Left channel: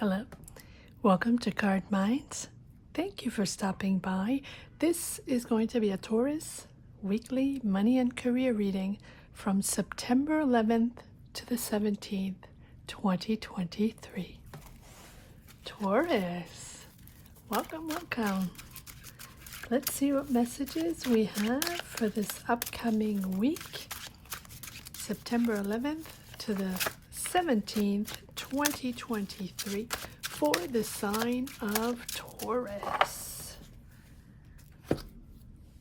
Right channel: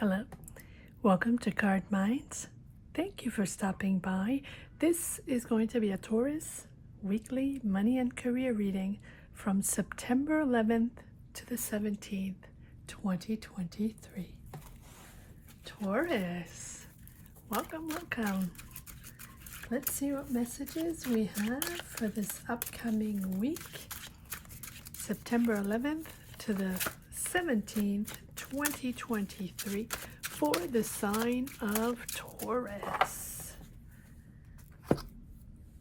Hello, welcome to Card Minds. Thank you for stopping by. This is going to be a Taurus weekly money and career reading from September 11th to the 17th, 2023. Taurus, welcome. Let's see what messages we have for this upcoming week, September 11th to the 17th, 2023, for the sign of Taurus.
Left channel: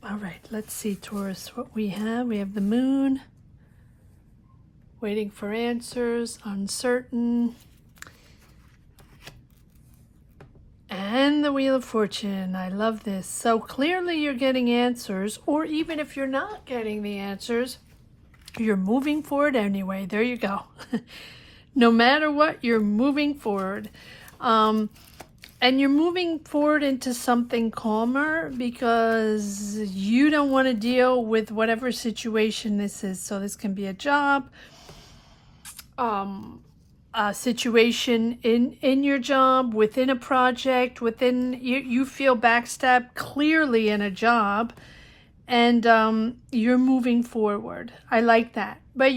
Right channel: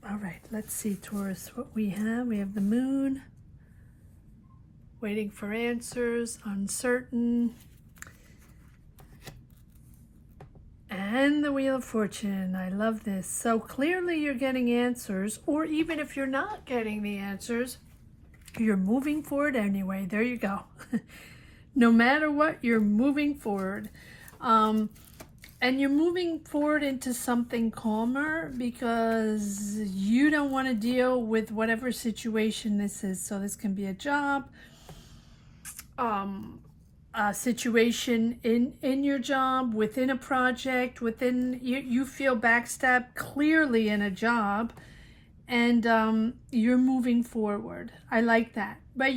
All right, let's see, Taurus, what we have. We have the moon, waiting for answers, uncertain, and the Wheel of Fortune. I love this. So clearly you're getting answers, or even if you're not getting the answers, you're moving forward anyway. There you go. No matter what, you're moving forward. And you're moving forward into something calmer because you don't want to deal with whatever situation this is. So this can be a job, a situation in your job, within a project, within you feel backstabbed clearly in a job, and you're moving forward. I like that. But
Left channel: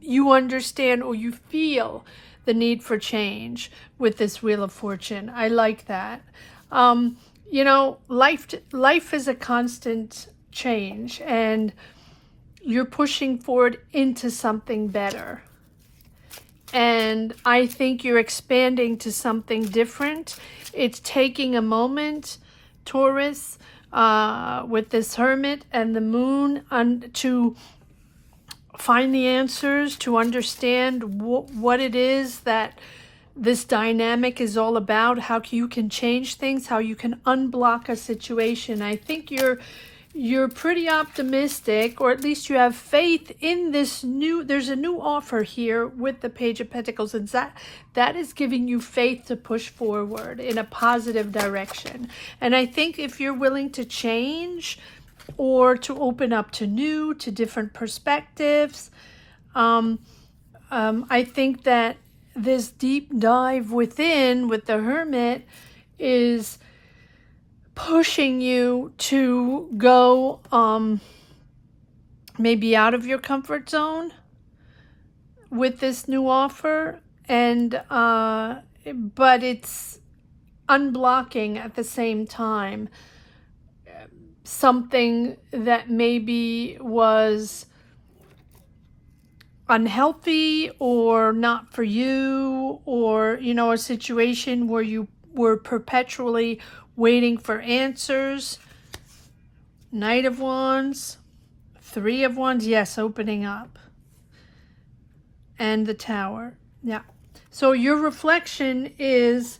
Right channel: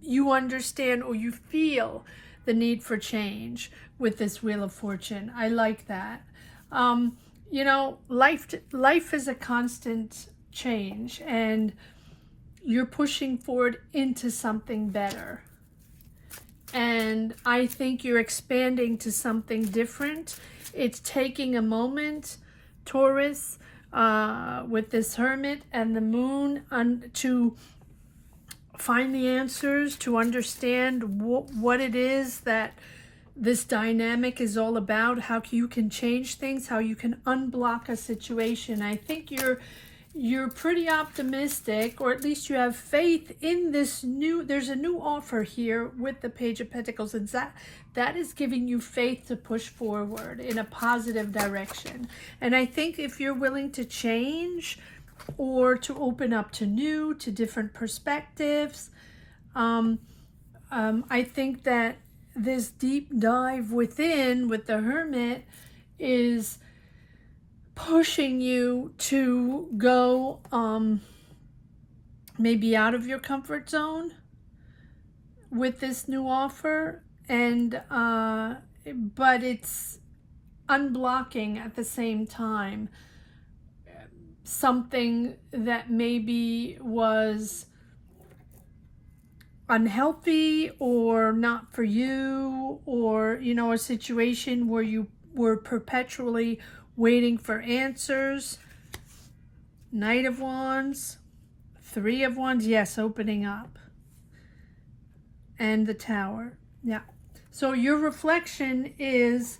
you understand, or you feel the need for change with this Wheel of Fortune. I like that. You know, life is a constant change, and you're pushing forward into something better. And I think you're expanding to something different. It's taking a moment, Taurus, with this Hermit and the Moon, to find the answers, to understand what it is that this dynamic is all about, how you can change things, how you can unblock a situation. I think you're pretty optimistic, or at least you have faith in this there's a new offer here with the Page of Pentacles, and that is giving you faith to push forward in a positive direction. And I think if you're willing to change, or to open up to different perspectives, I think that this deep dive within with the Hermit is pushing you to go maybe out of your comfort zone with this new offer, and but it's unblocking at the same time something that maybe was unhealthy or not for you, or a situation where you were perpetually waiting for answers. Knight of Wands, Three of Wands, yes, opening up, and the Tower. Yeah, so your reflection is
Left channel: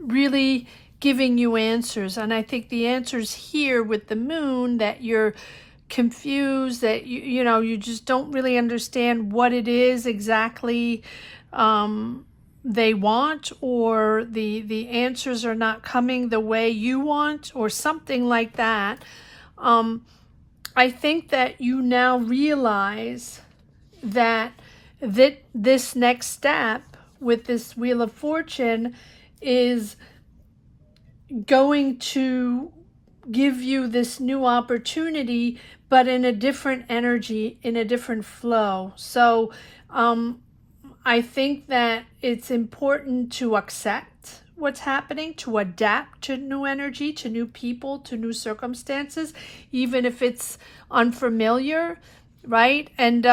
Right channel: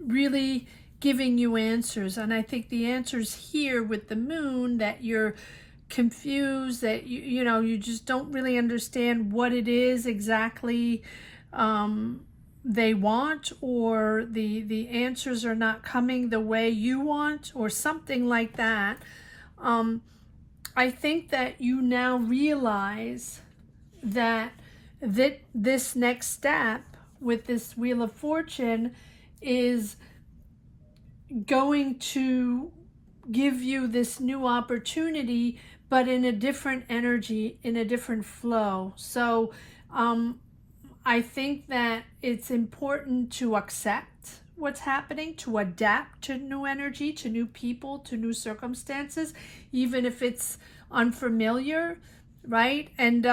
really giving you answers. And I think the answers here with the Moon, that you're confused, that you just don't really understand what it is exactly they want, or the answers are not coming the way you want, or something like that. I think that you now realize that this next step with this Wheel of Fortune is going to give you this new opportunity, but in a different energy, in a different flow. So I think that it's important to accept what's happening, to adapt to new energy, to new people, to new circumstances, even if it's unfamiliar, right? And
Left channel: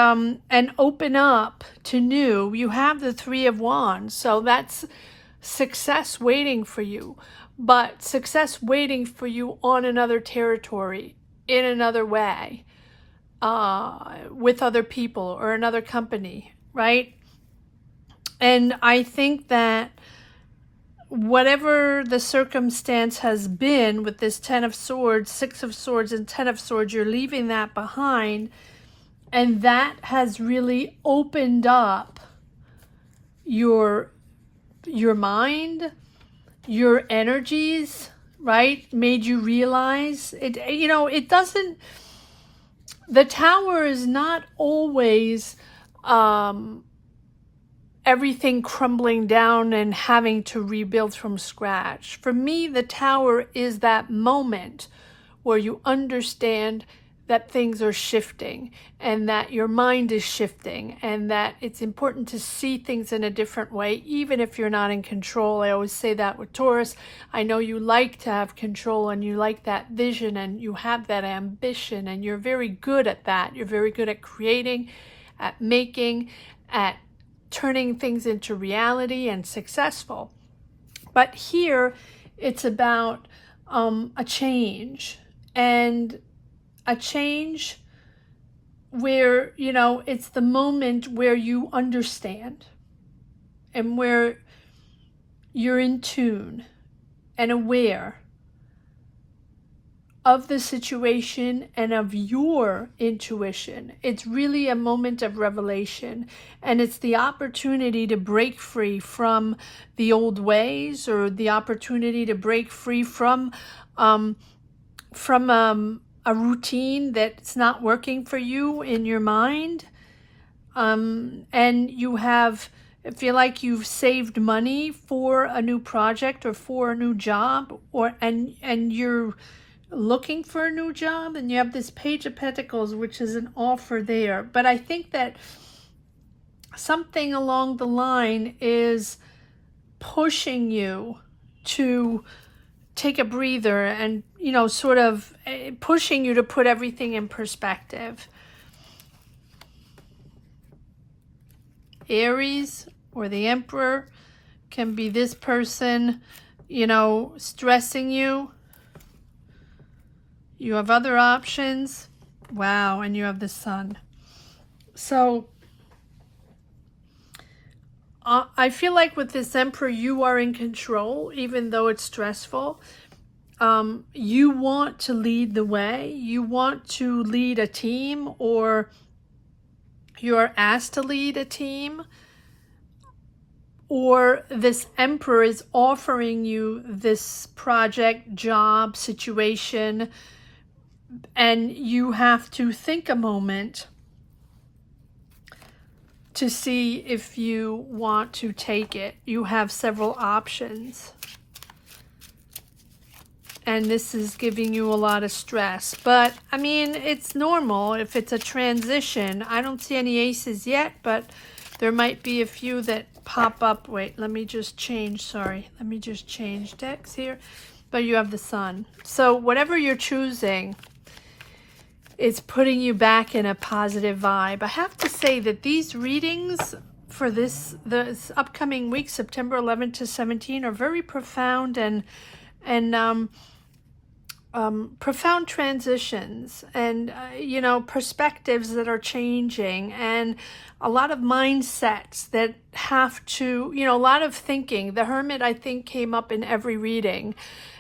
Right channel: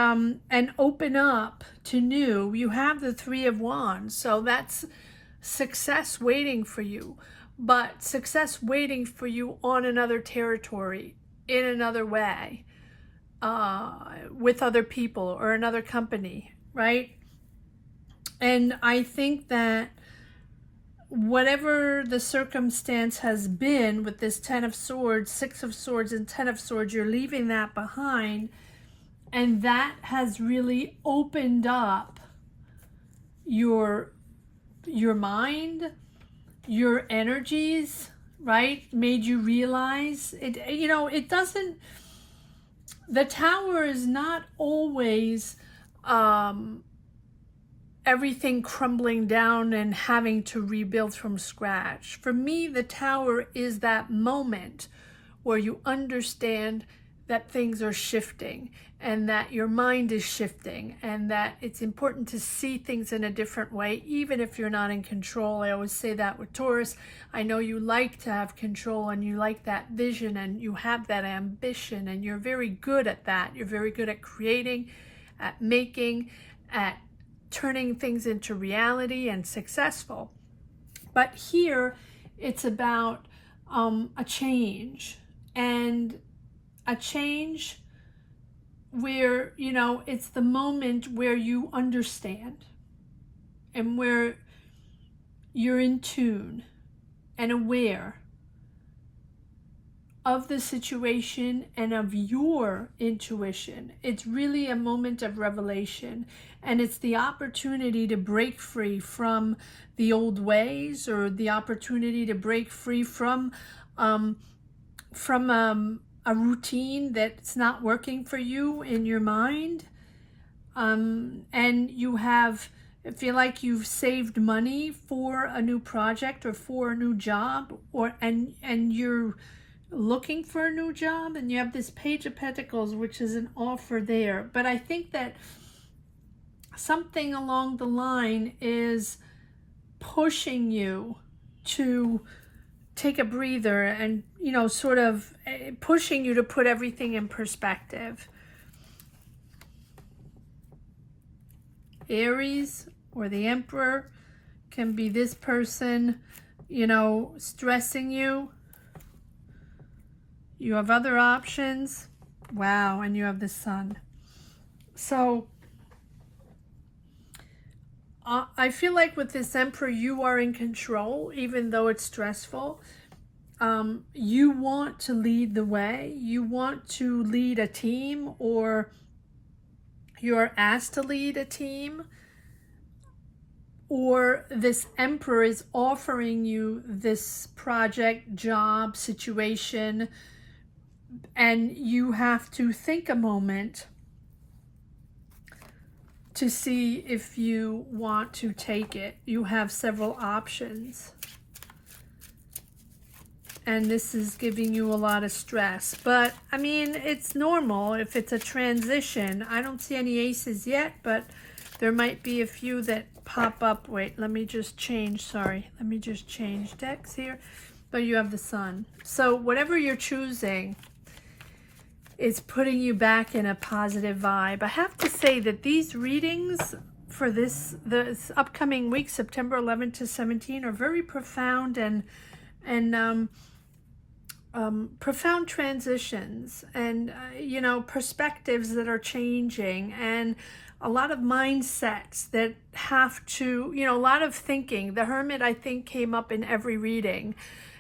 open up to new. You have the Three of Wands, so that's success waiting for you. But success waiting for you on another territory, in another way, with other people or another company, right? And I think that whatever the circumstance has been with this Ten of Swords, Six of Swords, and Ten of Swords, you're leaving that behind. And that has really opened up your mind, your energies, right? Made you realize it. It doesn't, the Tower is not always everything crumbling down and having to rebuild from scratch. For me, the Tower is that moment where you understand that things are shifting and that your mind is shifting and that it's important to see things in a different way, even if you're not in control. I always say that with Taurus. I know you like to have control and you like that vision and you have that ambition and you're very good at that. You're very good at creating, at making, at turning things into reality and successful. But here it's about a change, and a change where, you know, it's the moment where you understand and where you're in tune and aware of the situation and of your intuition. It's really a moment of revelation, and it's the opportunity to break free from the old ways, or the opportunity to break free from a routine that's not working for you in your mind. And you feel like you've saved money for a new project or for a new job, and you're looking for a new job, and you have this Page of Pentacles, which is an offer there. But I think that something along the line is pushing you to take a breather and, you know, sort of pushing you to put everything in perspective. Aries or the Emperor can be this person, you know, stressing you. You have other options. Wow, and you have the Sun. So I feel like with this Emperor, you are in control, even though it's stressful. You want to lead the way. You want to lead a team, or you're asked to lead a team. Or this Emperor is offering you this project, job, situation, and you have to think a moment to see if you want to take it. You have several options. And this is giving you a lot of stress. But, I mean, it's normal if it's a transition. I don't see any aces yet, but there might be a few that pop up. Wait, let me just change. Sorry. Let me just change decks here. But you have the Sun. So whatever you're choosing, it's putting you back in a positive vibe. I have to say that these readings for this upcoming week, September 11th to 17, are very profound and profound transitions and, you know, perspectives that are changing, and a lot of mindsets that have to, you know, a lot of thinking. The Hermit, I think, came up in every reading.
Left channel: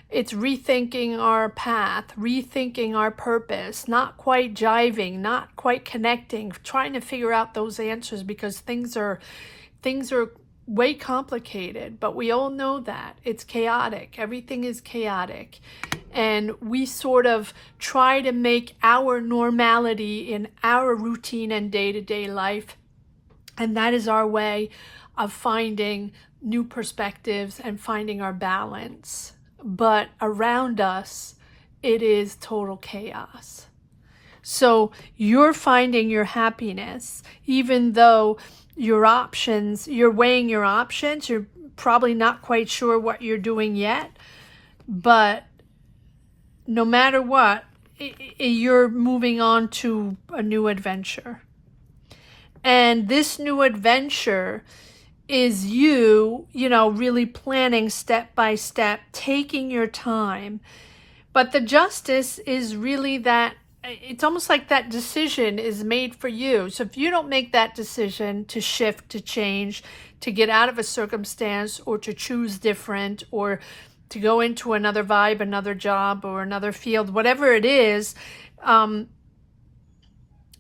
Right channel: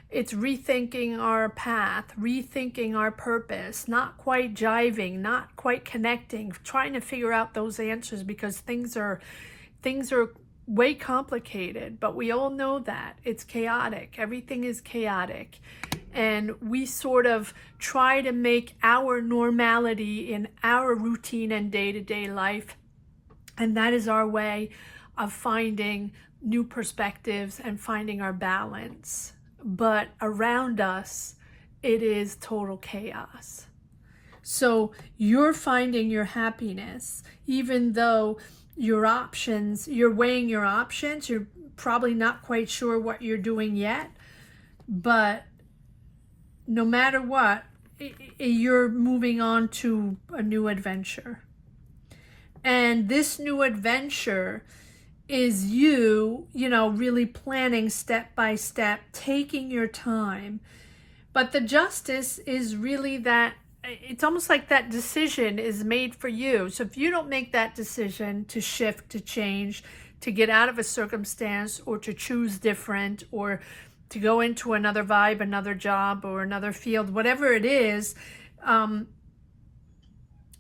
It's rethinking our path, rethinking our purpose, not quite jiving, not quite connecting, trying to figure out those answers, because things are way complicated. But we all know that it's chaotic. Everything is chaotic. And we sort of try to make our normality in our routine and day-to-day life. And that is our way of finding new perspectives and finding our balance. But around us, it is total chaos. So you're finding your happiness, even though your options, you're weighing your options. You're probably not quite sure what you're doing yet, but no matter what, you're moving on to a new adventure. And this new adventure is you know, really planning step by step, taking your time. But the Justice is really that, it's almost like that decision is made for you. So if you don't make that decision to shift, to change, to get out of a circumstance, or to choose different, or to go into another vibe, another job, or another field, whatever it is, the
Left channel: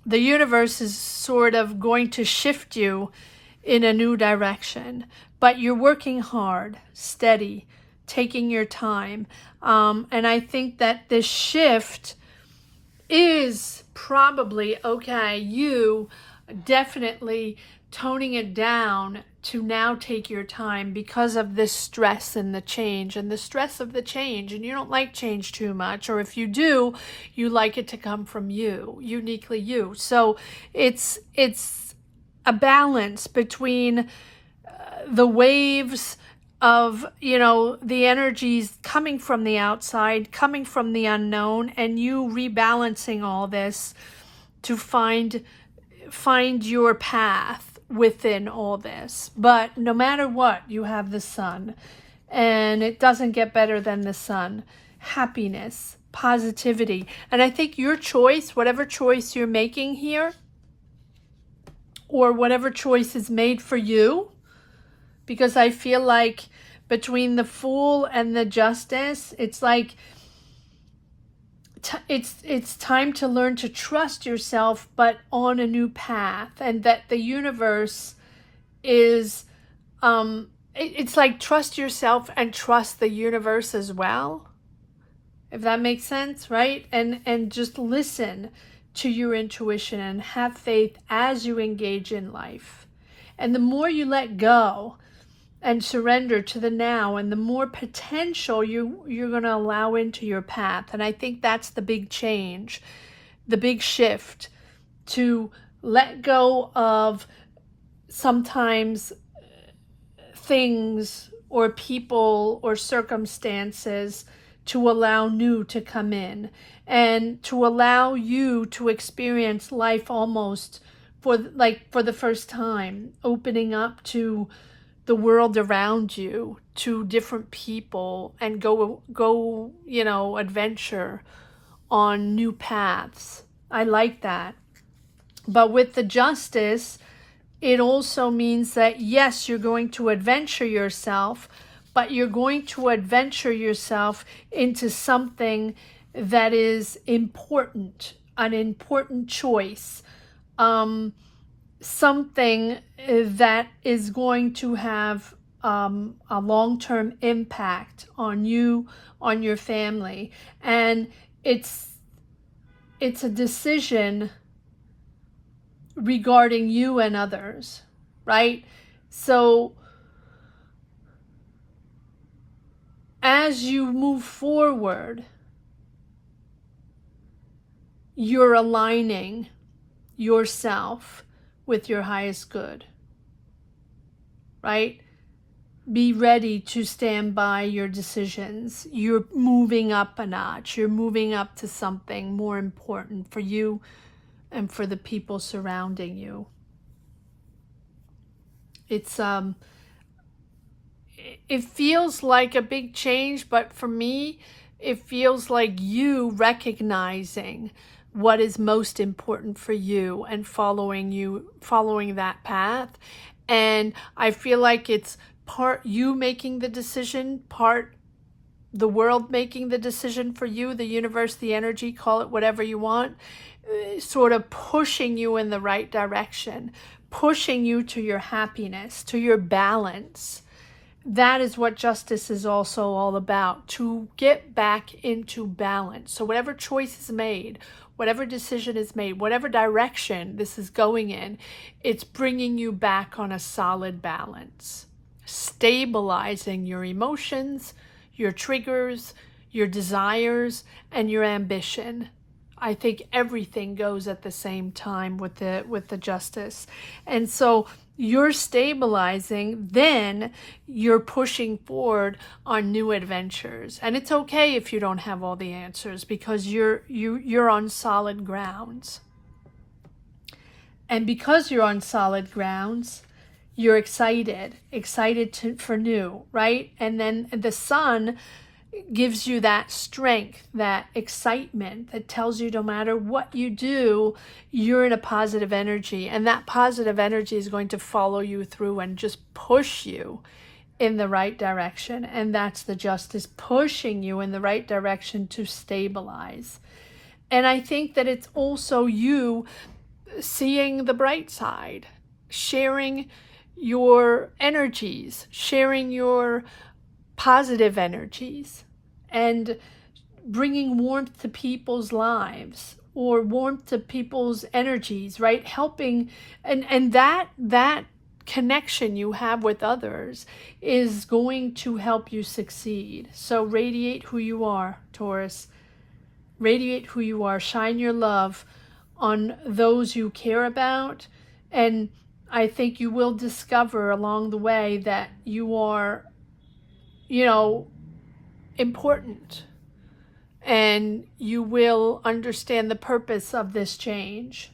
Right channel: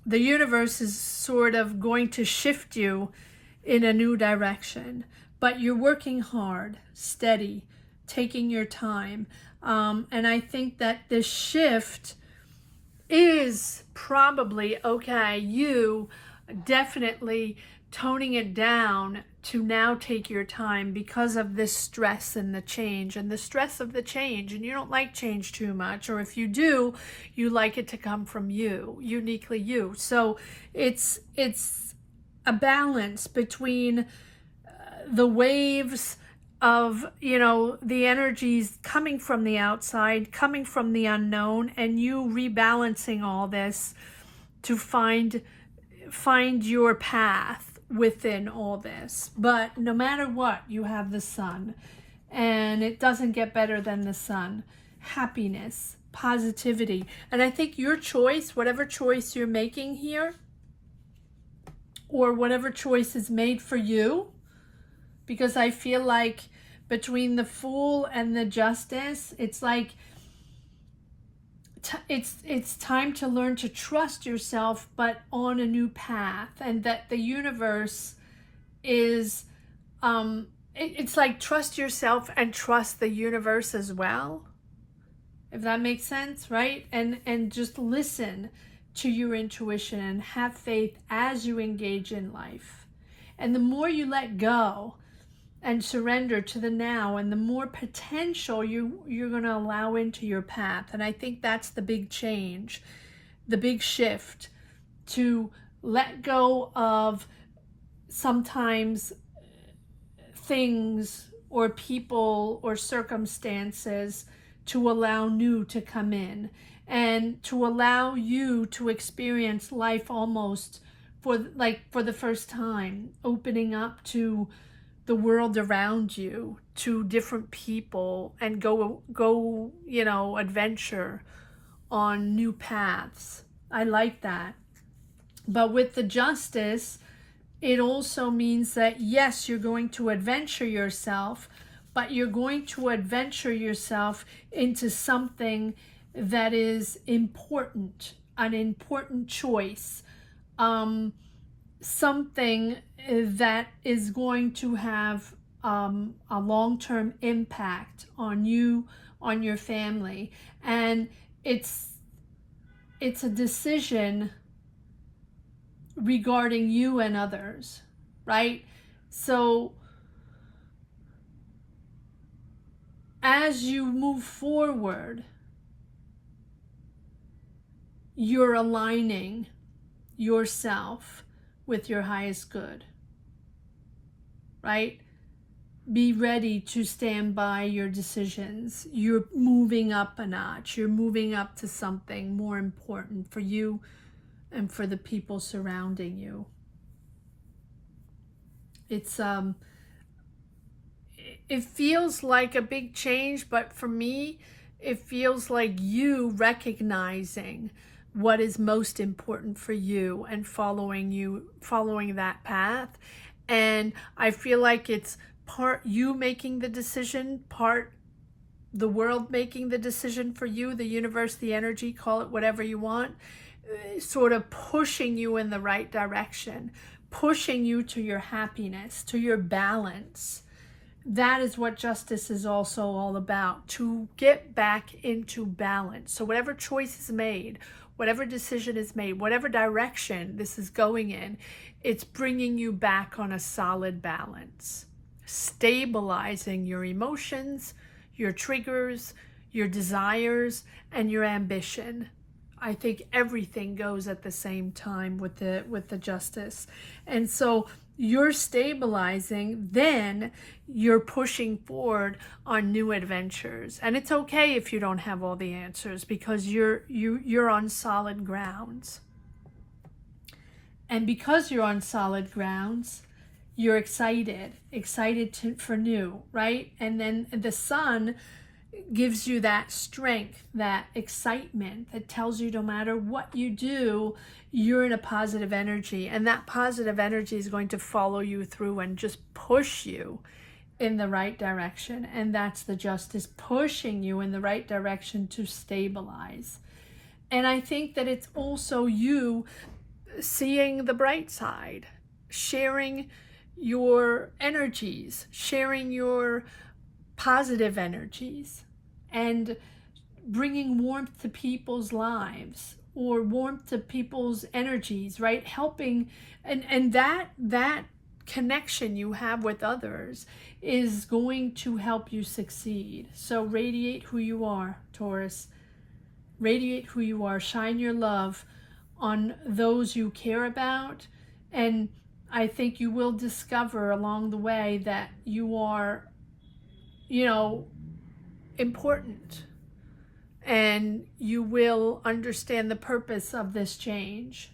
universe is sort of going to shift you in a new direction. But you're working hard, steady, taking your time. And I think that this shift is probably, okay, you definitely toning it down to now take your time because of this stress and the change and the stress of the change. And you don't like change too much, or if you do, you like it to come from you, uniquely you. So it's a balance between the waves of, you know, the energies coming from the outside, coming from the unknown, and you rebalancing all this to find your path within all this. But no matter what, you have the sun, and it doesn't get better than the sun. Happiness, positivity. And I think your choice, whatever choice you're making here, or whatever choice is made for you, because I feel like between the Fool and the Justice, it's like it's time to learn to trust yourself, but on a new path, and that the universe is it's like trust yourself and trust the universe as well, if that makes sense, right? And just listen to your intuition and have faith as you engage in life. And the more you let go and surrender to the now, and the more potential you're going to allow into your path. And I think that's the big change, the big shift, to let go of sometimes things or people or circumstances to allow new to come in, and to allow you to experience life almost for the first time, opening up to the world around you, to different people, and go, you know, adventure on new paths. I like that. But with the Justice, it also means that yes, you're going to adventure yourself, but you're going to adventure yourself into something that is important, an important choice, something that is going to have a long-term impact on you, on your family. And it's a decision regarding you and others, right? So as you move forward, you're aligning yourself with your highest good, right? Be ready to stand by your decisions. You're moving up a notch. You're moving up to something more important for you and for the people surrounding you. It's it feels like a big change, but for me, it feels like you recognizing what is most important for you and following that path. And I feel like it's part you making the decision, part the world making the decision for you, the universe, the energy, call it whatever you want, sort of pushing you in the right direction, pushing you to your happiness, to your balance. That is what Justice is also all about, to get back into balance. So whatever choice is made, whatever decision is made, whatever direction this is going in, it's bringing you back on a solid balance, stabilizing your emotions, your triggers, your desires, and your ambition. I think everything goes at the same time with the Justice. And so you're stabilizing, then you're pushing forward on new adventures. And it's okay if you don't have all the answers, because you're on solid grounds. And because you're on solid grounds, you're excited for new, right? And then the Sun gives you that strength, that excitement that tells you no matter what you do, you're in a positive energy, and that positive energy is going to follow you through and just push you in the right direction. And that's the Justice, pushing you in the right direction to stabilize. And I think that it's also you seeing the bright side, sharing your energies, sharing your positive energies, and bringing warmth to people's lives, or warmth to people's energies, right? Helping, and that connection you have with others is going to help you succeed. So radiate who you are, Taurus. Radiate who you are. Shine your love on those you care about. And I think you will discover along the way that you are, important. And you will understand the purpose of this change.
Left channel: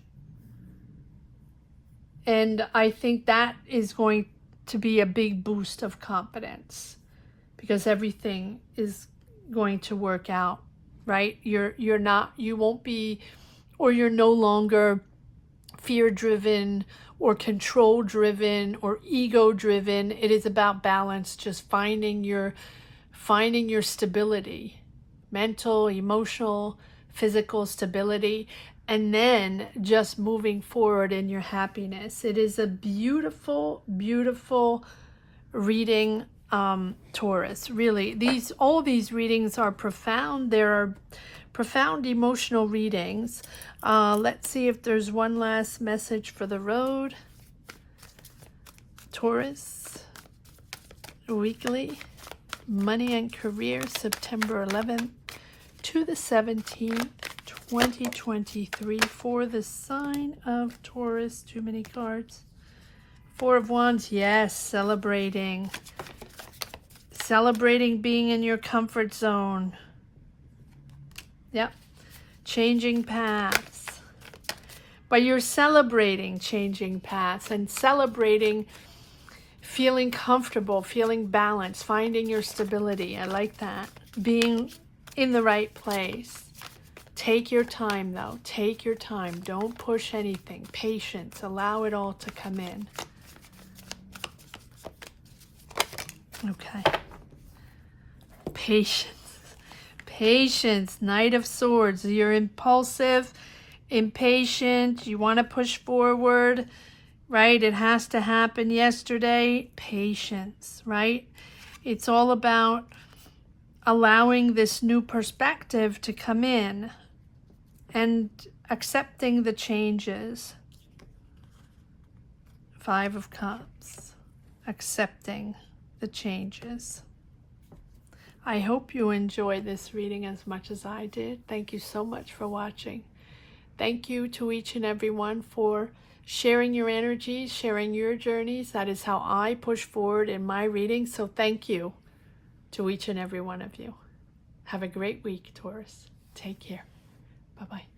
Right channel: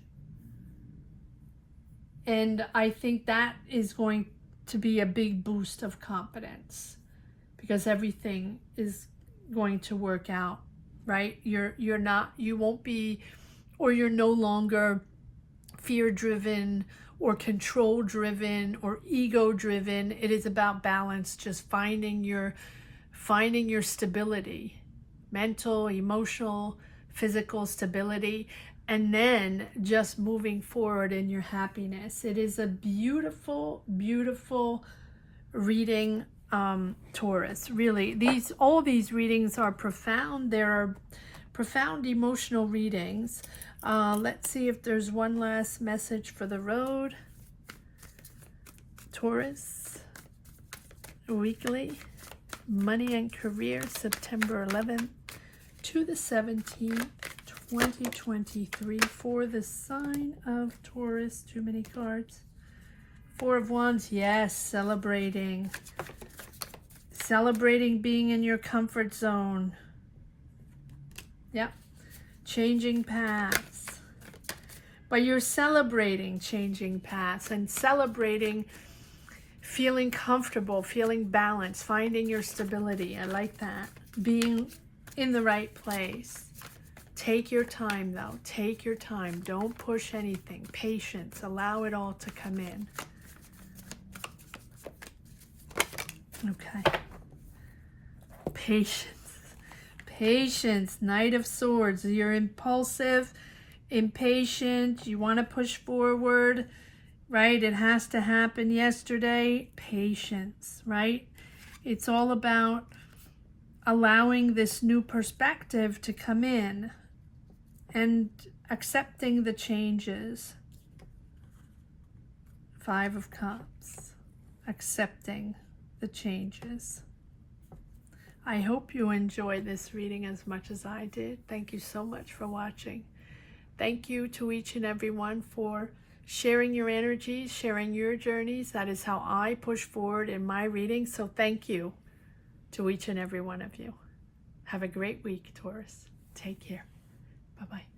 And I think that is going to be a big boost of confidence, because everything is going to work out, right? You won't be, or you're no longer fear-driven or control-driven or ego-driven. It is about balance, just finding your stability, mental, emotional, physical stability, and then just moving forward in your happiness. It is a beautiful, beautiful reading, Taurus. Really, all these readings are profound. There are profound emotional readings. Let's see if there's one last message for the road. Taurus, weekly, money and career, September 11th to the 17th, 2023, for the sign of Taurus. Too many cards. Four of Wands, yes, celebrating being in your comfort zone. Yep. Changing paths. But you're celebrating changing paths and celebrating feeling comfortable, feeling balanced, finding your stability. I like that. Being in the right place. Take your time, though. Take your time. Don't push anything. Patience. Allow it all to come in. Okay. Patience. Patience. Knight of Swords. You're impulsive, impatient. You want to push forward, right? It has to happen yesterday. Patience, right? It's all about allowing this new perspective to come in and accepting the changes. Five of Cups. Accepting the changes. I hope you enjoyed this reading as much as I did. Thank you so much for watching. Thank you to each and every one for sharing your energies, sharing your journeys. That is how I push forward in my reading. So thank you to each and every one of you. Have a great week, Taurus. Take care. Bye-bye.